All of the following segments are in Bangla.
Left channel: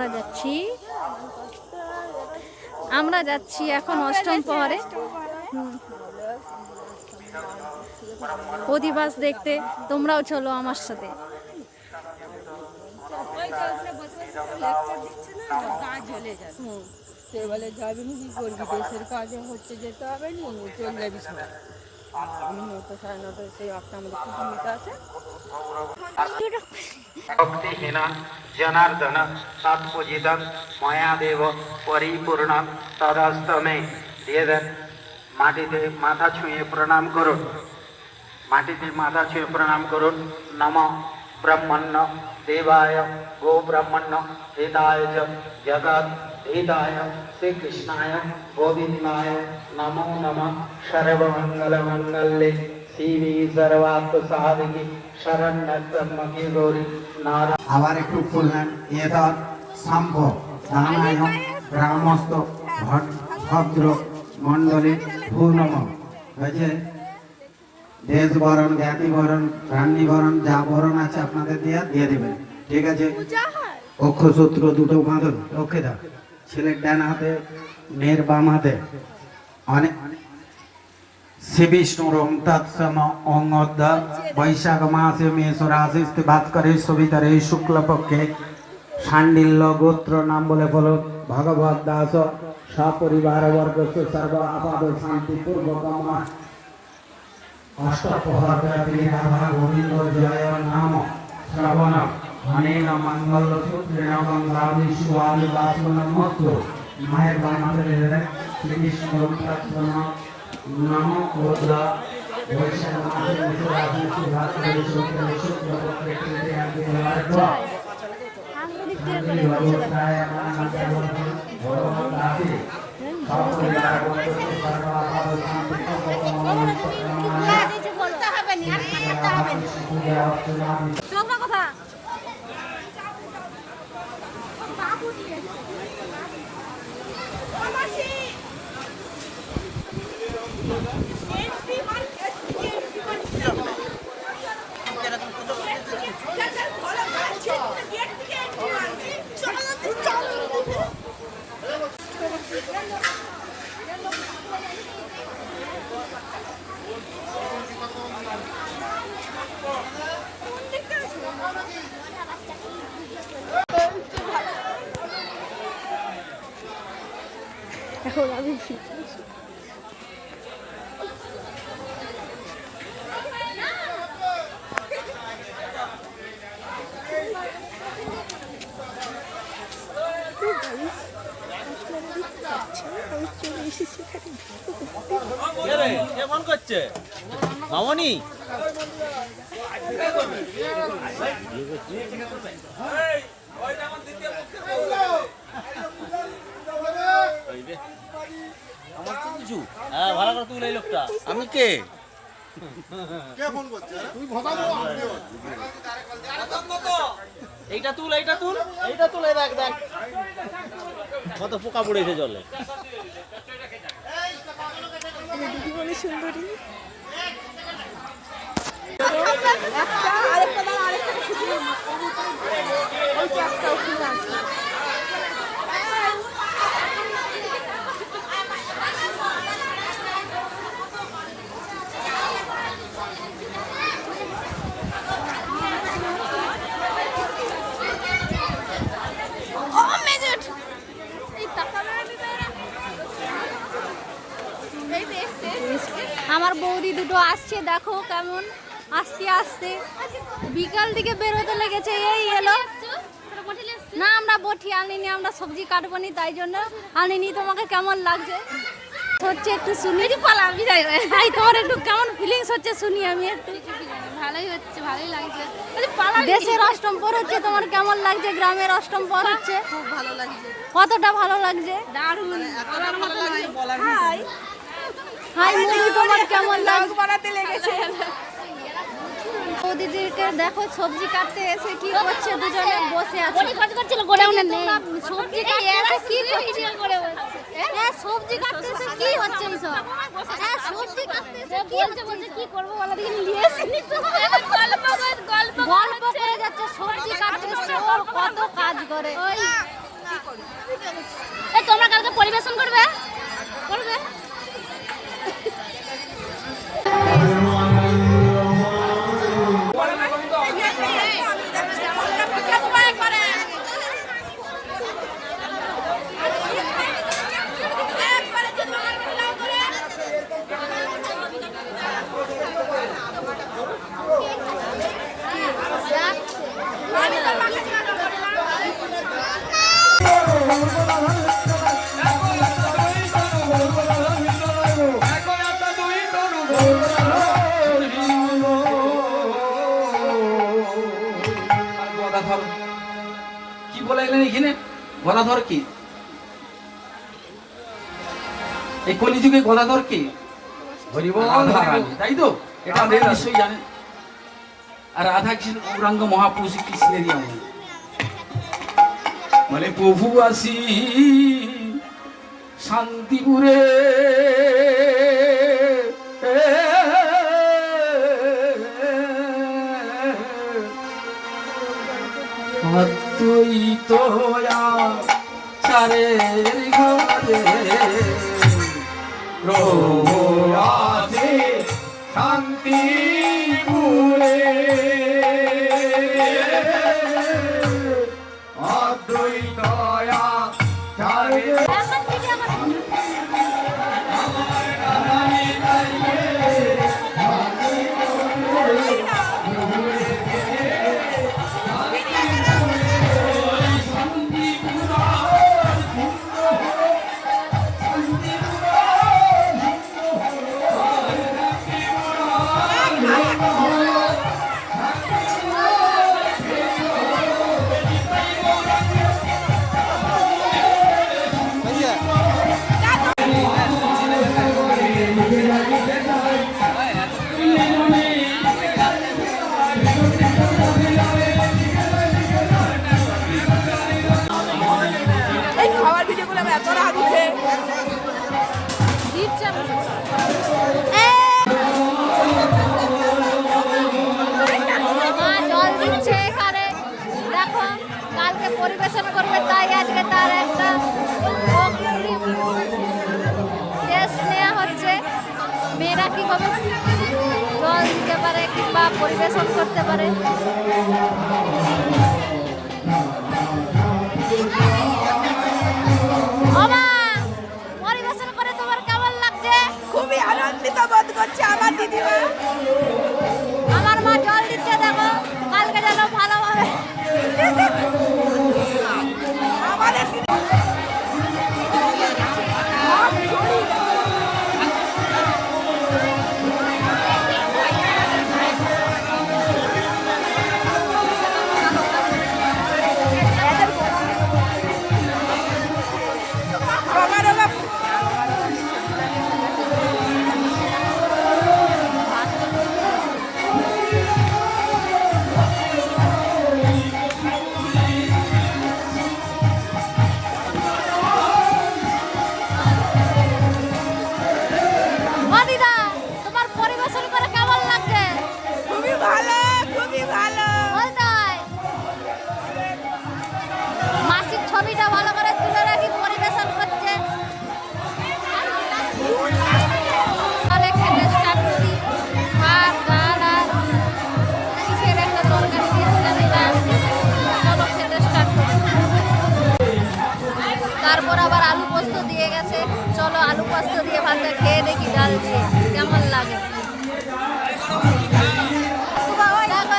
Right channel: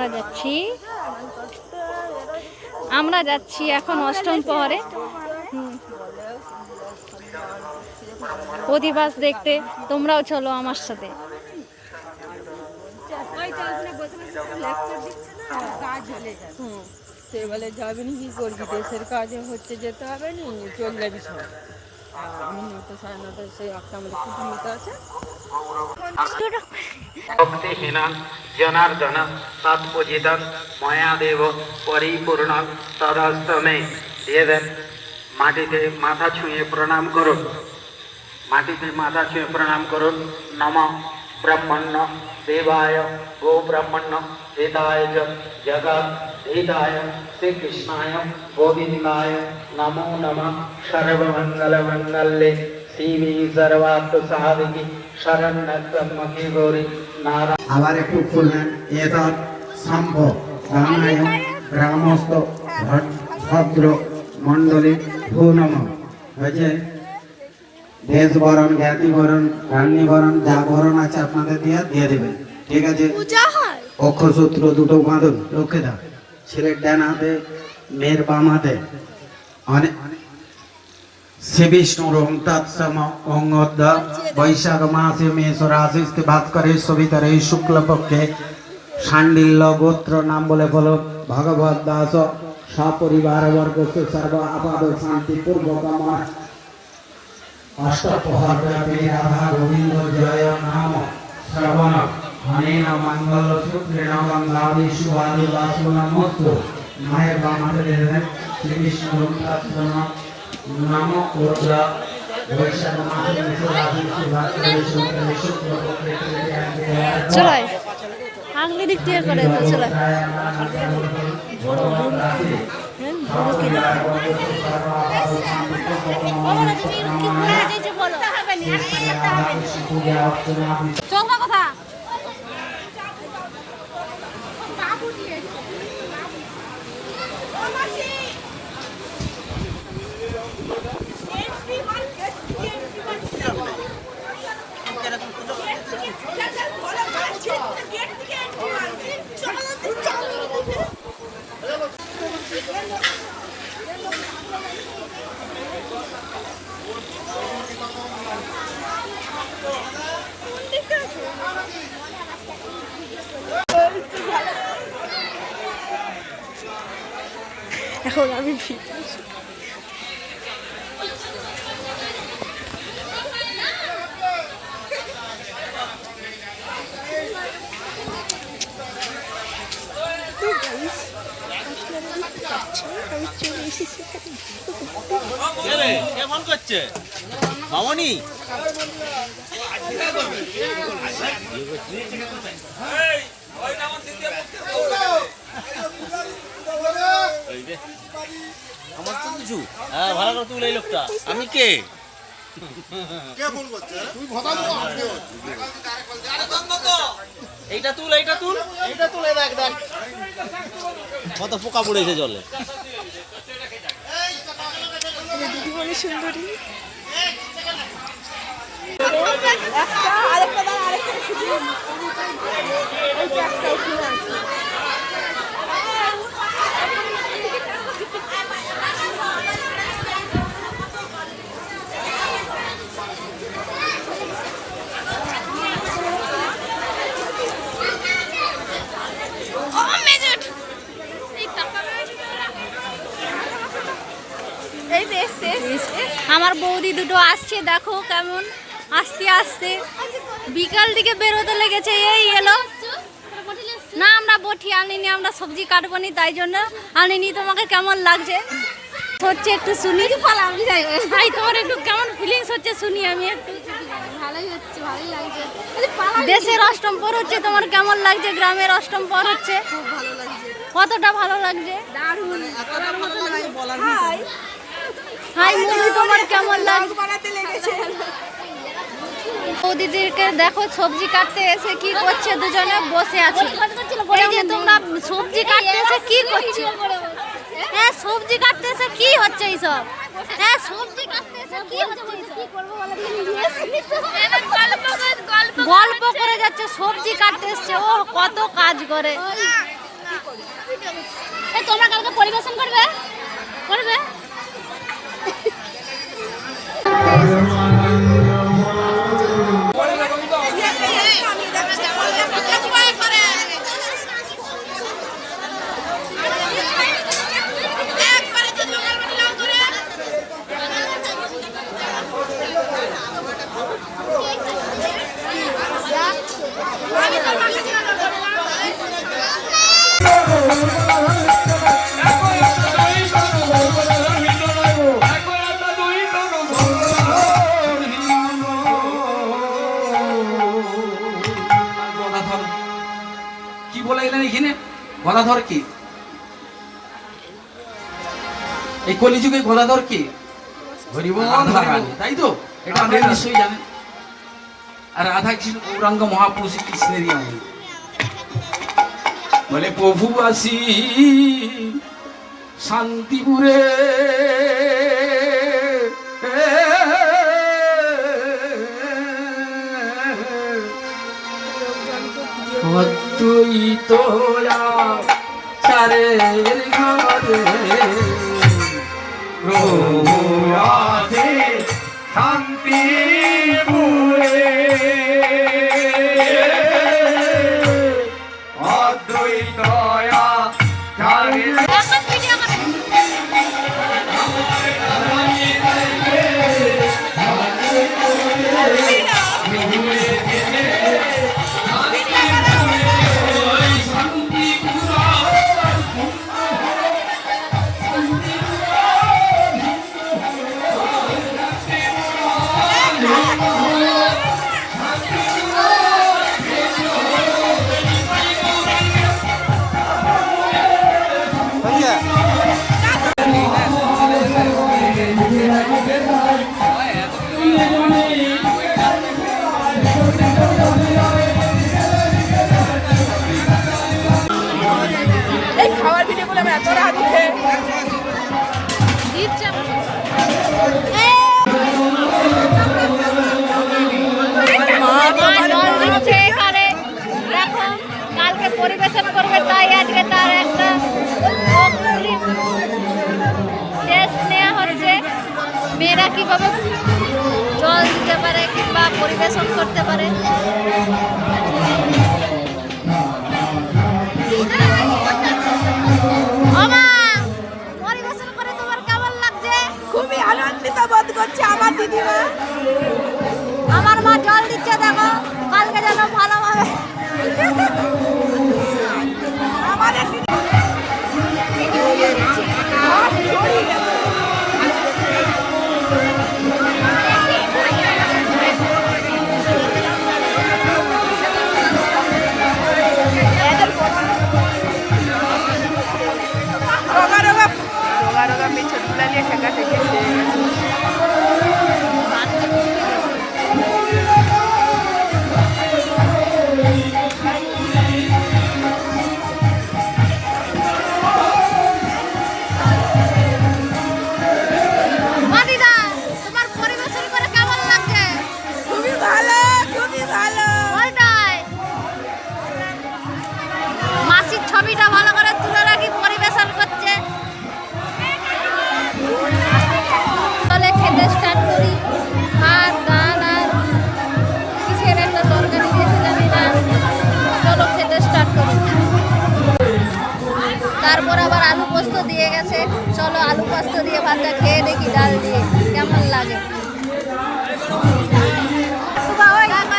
আমরা যাচ্ছি। আমরা যাচ্ছি এখন অষ্টম প্রহরে। অধিবাস দেখতে, তোমরাও চলো আমার সাথে। সে বলে যাবি কি করবি দেশের কাজে হচ্ছে যেতে হবে নি চল যাবি আমি নটা সাড়ে নটায় সেই একটা আমাদের আছে ভক্তিহীন জনার্দন তৎপূজিতন ময়া দেব পরিপূর্ণ, তদস্তমে। দিয়ে দেন, মাটিতে মাথা ছুঁয়ে প্রণাম করুন। মাটিতে মাথা ছুঁয়ে প্রণাম করুন। নম ব্রহ্মণ্য দেবায়, গো ব্রহ্মণ্য হিতায় জগৎ হিতায়, শ্রীকৃষ্ণায়, গোবিন্দায়, নমো নমঃ সর্বমঙ্গলমঙ্গলে আবার একটু খুললেন এতৎ সম্ভব রামায় গ্রামস্থ ভট- ভদ্র মণ্ডলী ভূনম। হয়েছে? দেশ বরণ জ্ঞাতি বরণ রান্নি বরণ যা বরণ আছে আপনাদের দিয়ে দিয়ে দেবেন। ঠিক আছে? অক্ষসূত্র দুটো বাঁধুন রক্ষে দাও। ছেলের ডান হাতে মেয়ের বাম হাতে অনেক বৈশাখ মাসে মেষ রাশিতে বাস করে সবিতারে শুক্লপক্ষে শাণ্ডিল্য গোত্র নাম বলে বলো ভগবত দাস সপরিবার বর্গ সর্ব আপাদ শান্তি অষ্টপ্রহরব্যাপী রাধা গোবিন্দ জয় নাম শ্রবণ অনেন মঙ্গল সূত্রেণ মঙ্গলাদি শুভাদি বাসনমস্তু মায়ের বাম হাতে শ্রী বিষ্ণু তৎসম নমো রুদ্র বৈশাখ মাসে মেষ রাশিতে বাস করে শুক্ল শুক্লপক্ষে চলো আগলি দিক দিয়ে করে চলো বড় বড় হ্যাঁ বড় কে? বাবা তুমি কি বলতে চাইছো বলো? হবে না আর হবে না কোনটা কথা বাবু দিয়ে এখন আমি আমি চলে এসেছি কেমন করছে মামনি আমার তো কিছু। হ্যাঁ ভালো করে তুলে এই লোকটা। আমি কে? এইটা তুল এইটা তুল। এইটা তুলে দেখ দেখ। কত পোকা পড়েছে জলে। দিদিমণি সুন্দরী বৌদি দুটো আসছে দেখো কেমন আস্তে আস্তে। বিকাল দিকে বেরোতে লেগেছে এই এলো। না আমরা বটি আনিনি আমরা সবজি কাটবো নি তাই জন্য আনিনি। তোমাকে কেমন লাগছে? হচ্ছে একটু শুনি পালাম ভাই তোমার একটু কেমন ফিলিংস হচ্ছে শুনি আমি একটু ভালোই হচ্ছে ভালোই লাগছে। দেশের অষ্টম পর হচ্ছে তোমার কেমন লাগছে? গ্রামের অষ্টম পর হচ্ছে। খুব ভালো লাগছে। কতটা ভালো লাগছে? দারুণ। এতটা ভালো লাগছে বলার হাই মুভি তোমার কেমন লাগছে? বানাতে লেগেছে। বৌদিদেরকে দেখো সবজি কাটতে এসে কি করছে দুজনে বসে আছে। তোমরা সবজি কাটতে এসে কি করছ? হ্যাঁ সবজি কাটতেছে কি হচ্ছে এইসব? হ্যাঁ সবজি কাটতেছে কি হচ্ছে গল্প করে যাচ্ছে সবজি কাটতে এসছে। ও কত কাজ করে। তোমরা কালকে পরিবেশন করবে? কি বলে এলেন এখানে? গদাধর কি? এই কলিযুগে গদাধর কি? তাই তো? এটা নিশ্চয়ই জানেন। আর রাধা কৃষ্ণ গৌরাঙ্গ মহাপুরুষ কৃষ্ণেরই আমি বলে প্রভু আসি শান্তিপুরে অদ্বৈত চারের ঘরে। প্রভু আছে শান্তি কীভাবে জল দিতে পারে কিংবা পরিবেশন করতে পারে। পরিবেশন করে তোমার কেমন লাগছে? খুবই আনন্দিত বোধ করছে আমার দিদিমা। আমার মা জল দিচ্ছে দেখো কালকে যেন ভালোভাবে ভাতটা খেয়ে দেখি ডাল দিয়ে। কেমন লাগে?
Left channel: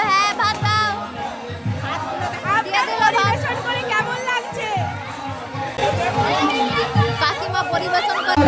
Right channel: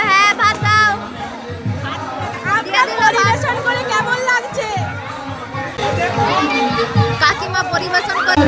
হ্যাঁ কাকিমা পরিবেশন করে